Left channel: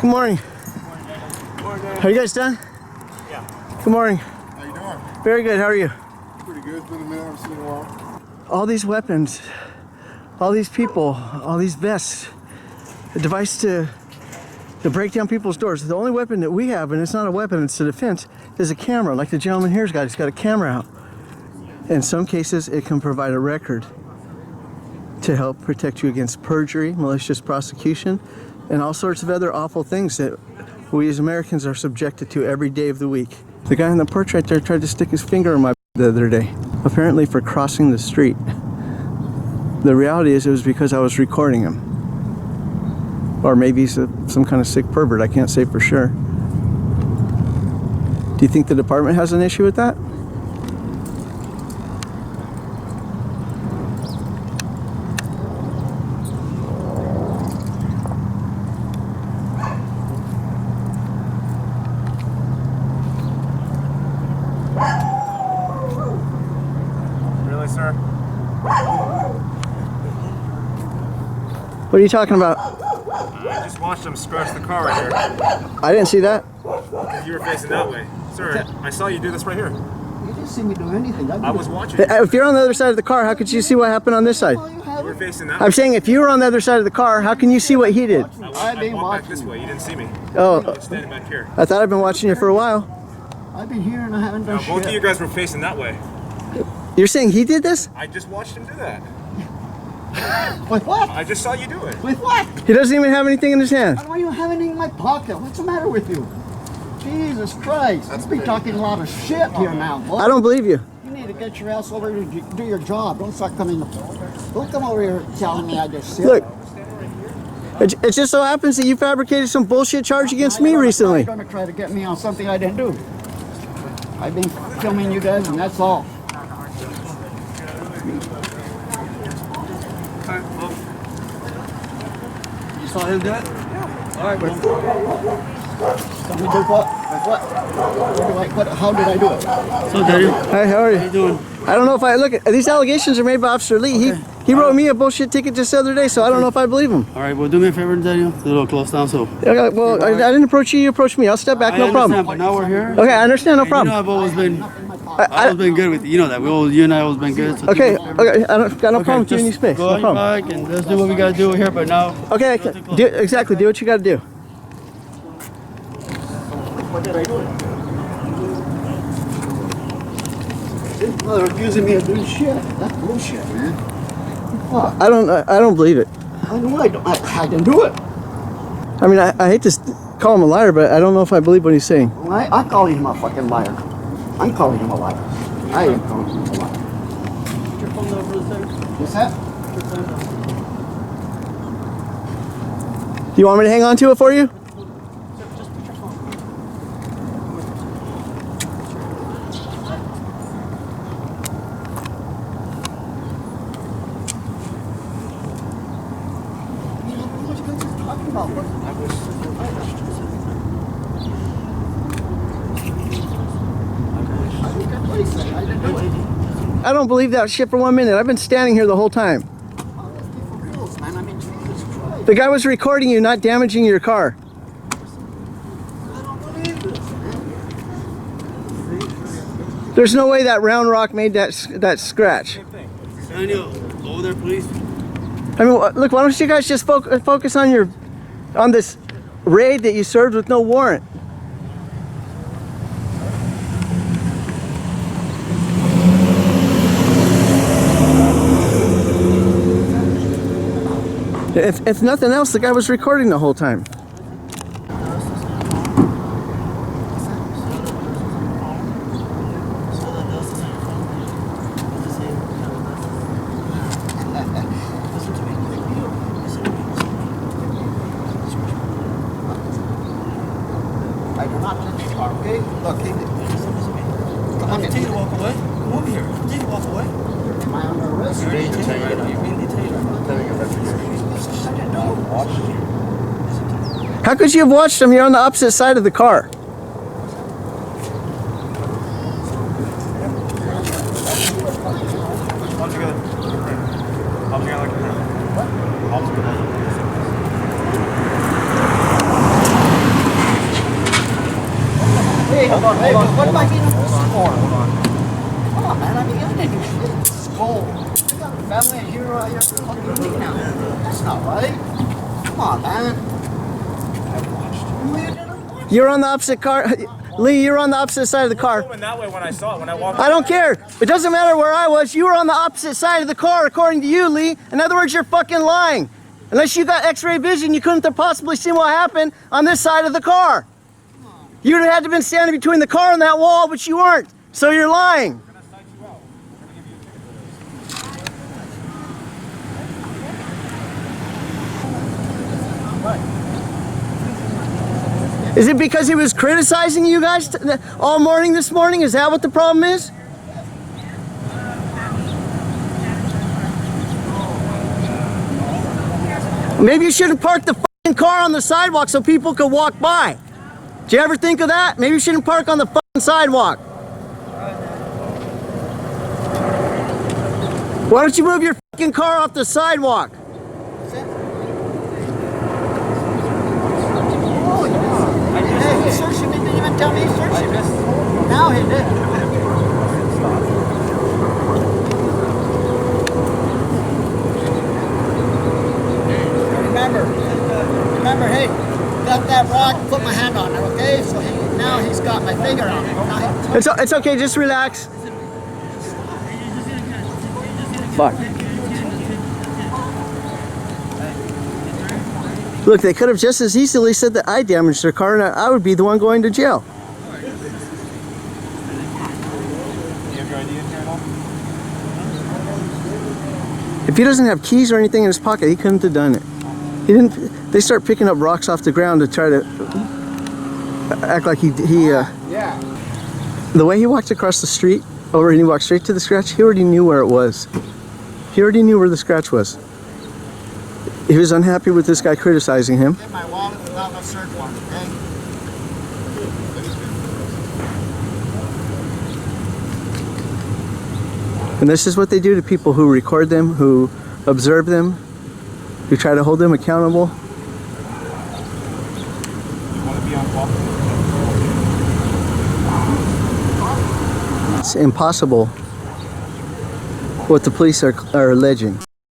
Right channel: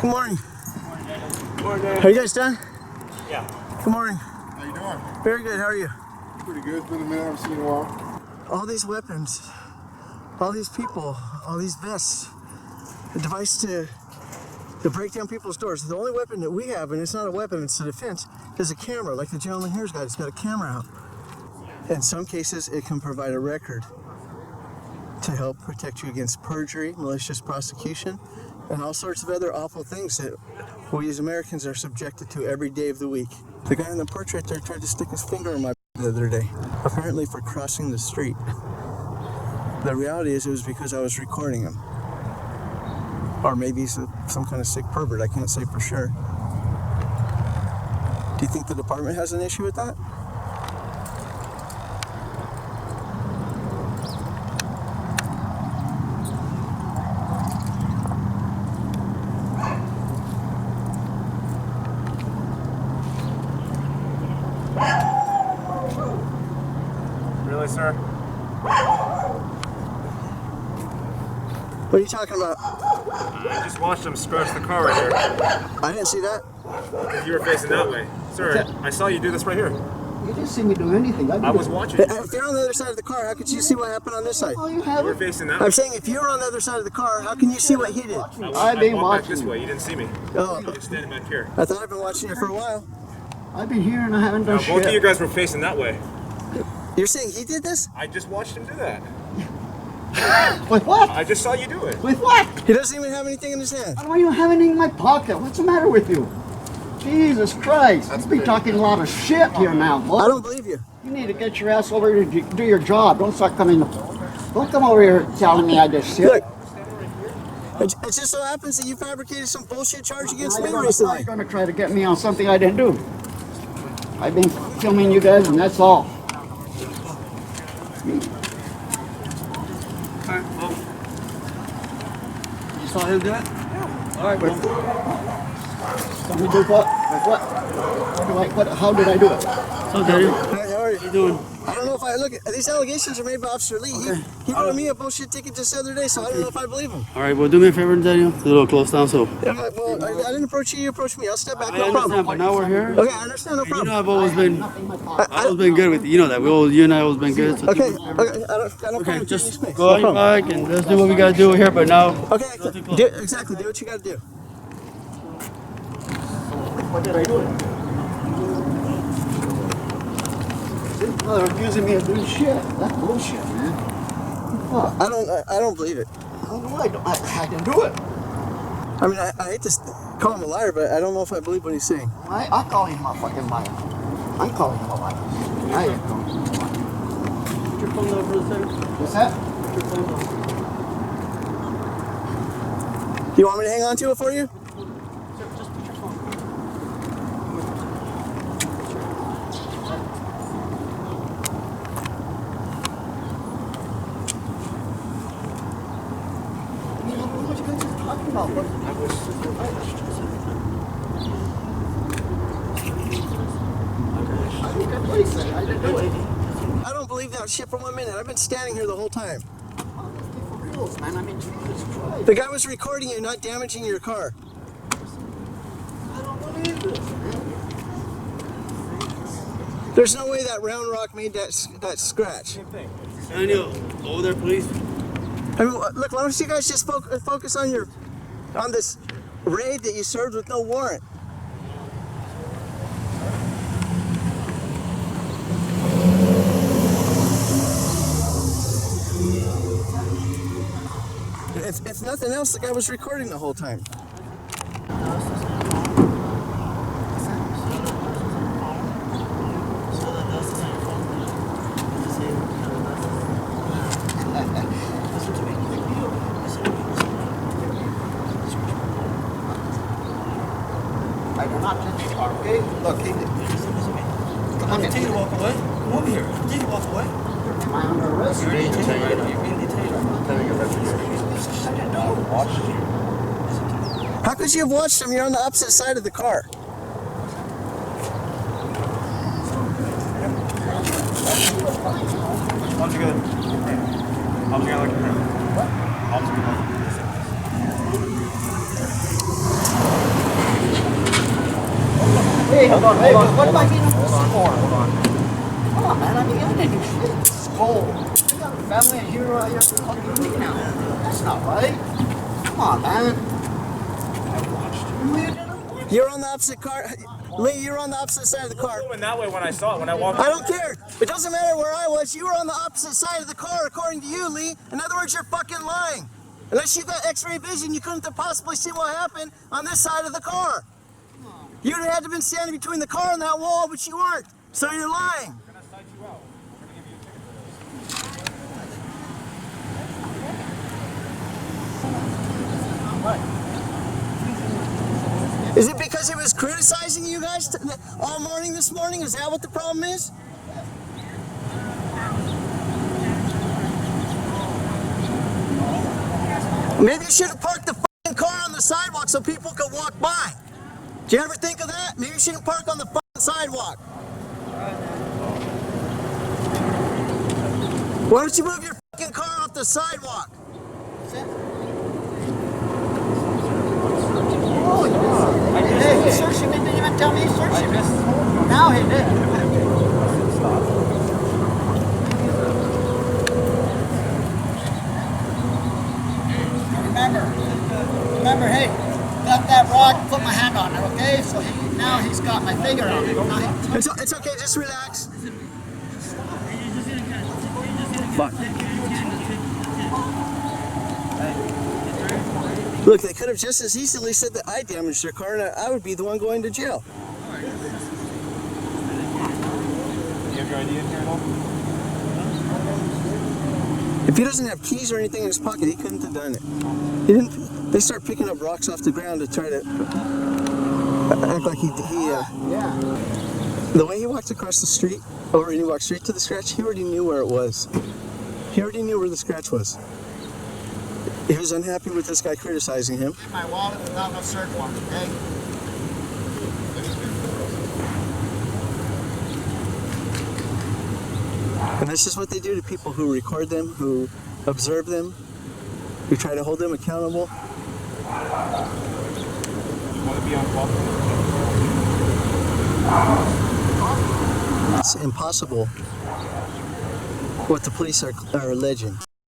Good morning. Good morning. Are you guys done? Yeah. Good morning. How you doing? Very good. How are you? Pretty good. It's been a minute. I haven't seen you in a while. All these weapons, all these people, all these vests, a device to break down people's doors. The only weapon that we have, and it's not a weapon, it's a defense, is a camera, like the gentleman here's got. He's got a camera out. In some cases, it can provide a record to help protect you against perjury, malicious prosecution, and all sorts of other awful things that we as Americans are subjected to every day of the week. The guy on the porch right there tried to stick his finger in my the other day, apparently for crossing the street. The reality is it was because I was recording him. Or maybe he's some kind of sick pervert, I can't say for sure. Do you think the department has an issue with that? Really, sir? What are you talking about? I just watched him scratch the car right here. I didn't see that. You were facing that way. Sir, I saw you do this right here. You didn't see me do anything. I was watching you. If you're on the other side of the car, how could you see what happened on this side? Oh, you You have were it. facing that way. I'm saying if you were on the other side of the car, how can you see what he did? I've been I walked back this watching. way. You didn't see me. Oh, You're standing back here. I thought I'd been watching you for a while. I've been here and I haven't done Now, both of you shit. guys were facing that way. You're saying he did this? I just watched him do that. With what? I just saw you do it. With what? He doesn't even have anything in his hand. I don't even have anything in my pocket. What's the matter with you? Jesus Christ. You be talking a lot of shit here now, boy. I don't believe you. You need to get your ass over here to do your job. Don't start coming. Don't come over here telling me I did shit. Look, it just so happens that you fabricated some bullshit charge against me recently. You're going to try to get me on something I didn't do. I've been filming you guys and that's all. You saw him do it? Yeah. All right, well. Tell me do what? With what? How did I do it? So, Daddy, Hey, how are how you you? doing? I don't know if I look. These allegations are made by Officer Lee. He wrote me a bullshit ticket just the other day, so I don't know if I believe him. All right, well, do me a favor, Daddy. It's a little close down, so. Okay, well, I didn't approach you. You approached me. I'll step back. No I understand, problem. but now we're here. Okay, I understand. No And you know, problem. I've always been, I- always been good with you. You know that. You and I always been good. So Okay, okay. I don't got no problem giving you just space. go No on your problem. bike and let's do what we gotta do here. But now, Okay, do exactly. Do what you got to do. What did I do? Well, they're accusing me of doing shit. That's bullshit, man. What? I don't believe it. I know I didn't do it. I mean, I hate to call him a liar, but I don't know if I believe what he's saying. I call him a fucking liar. I'm calling him a liar. I am calling him a liar. put your phone down for a second. What's that? Put your phone down. Do you want me to hang on to it for you? Just put your phone down. What you guys are talking about? I think that's what he said. I didn't do it. I don't believe that shit for 1 minute. I've been standing here the whole time. Oh, let's be for reals, man. I mean, Jesus Christ. The guy was recording you, not damaging your car. I don't believe this, man. There's no way that round rock made that scratch. Daniel, over there, please. I mean, look, why don't you guys just focus on this raid that you served with no warrant? If nothing else, the guy was recording the whole time. I do not touch your car, okay? Look, come on in. Continue to walk away. Come over here. Continue to walk away. Am I under arrest? You're being detained. You're being detained. I didn't know. How could you have watched him? You're on the opposite side of the car. How's it going? How's it going? How's it going? Hey, hold on. Hey, what am I being arrested for? Hold on. Come on, man. I mean, I didn't do shit. It's cold. You got a family and you're fucking leaving out. That's not right. Come on, man. I watched you. You're on the opposite car. Lee, you're on the opposite side of the car. I was going that way when I saw it, when I walked. I don't care. It doesn't matter where I was. You were on the opposite side of the car, according to you, Lee. In other words, you're fucking lying. Unless you got x-ray vision, you couldn't have possibly seen what happened on this side of the car. You'd have had to have been standing between the car and that wall, but you weren't. So you're lying. We're going to cite you out. We're going to give you a ticket. Is it because he was criticizing you guys all morning this morning? Is that what the problem is? Maybe you shouldn't park the fucking car on the sidewalk so people could walk by. Did you ever think of that? Maybe you shouldn't park on the fucking sidewalk. Why don't you move your fucking car off the sidewalk? Hey, he searched him. He didn't even tell me he searched him. Now he did. Remember, hey, got that rock, put my hand on it, okay? So now he's got my finger on it. It's okay, just relax. Fuck. Look, they could have just as easily said that I damaged their car and I would be the one going to jail. Do you have your ID in here at all? If he doesn't have keys or anything in his pocket, he couldn't have done it. He didn't. They start picking up rocks off the ground to try to act like he Yeah. The way he walked across the street, and he walked straight to the scratch, he already knew where it was. He already knew where the scratch was. He was unhappy with this guy criticizing him. Get my wallet without no search warrant, okay? And this is what they do to people who record them, who observe them, who try to hold them accountable. You want to be on call? It's impossible what the police are alleging.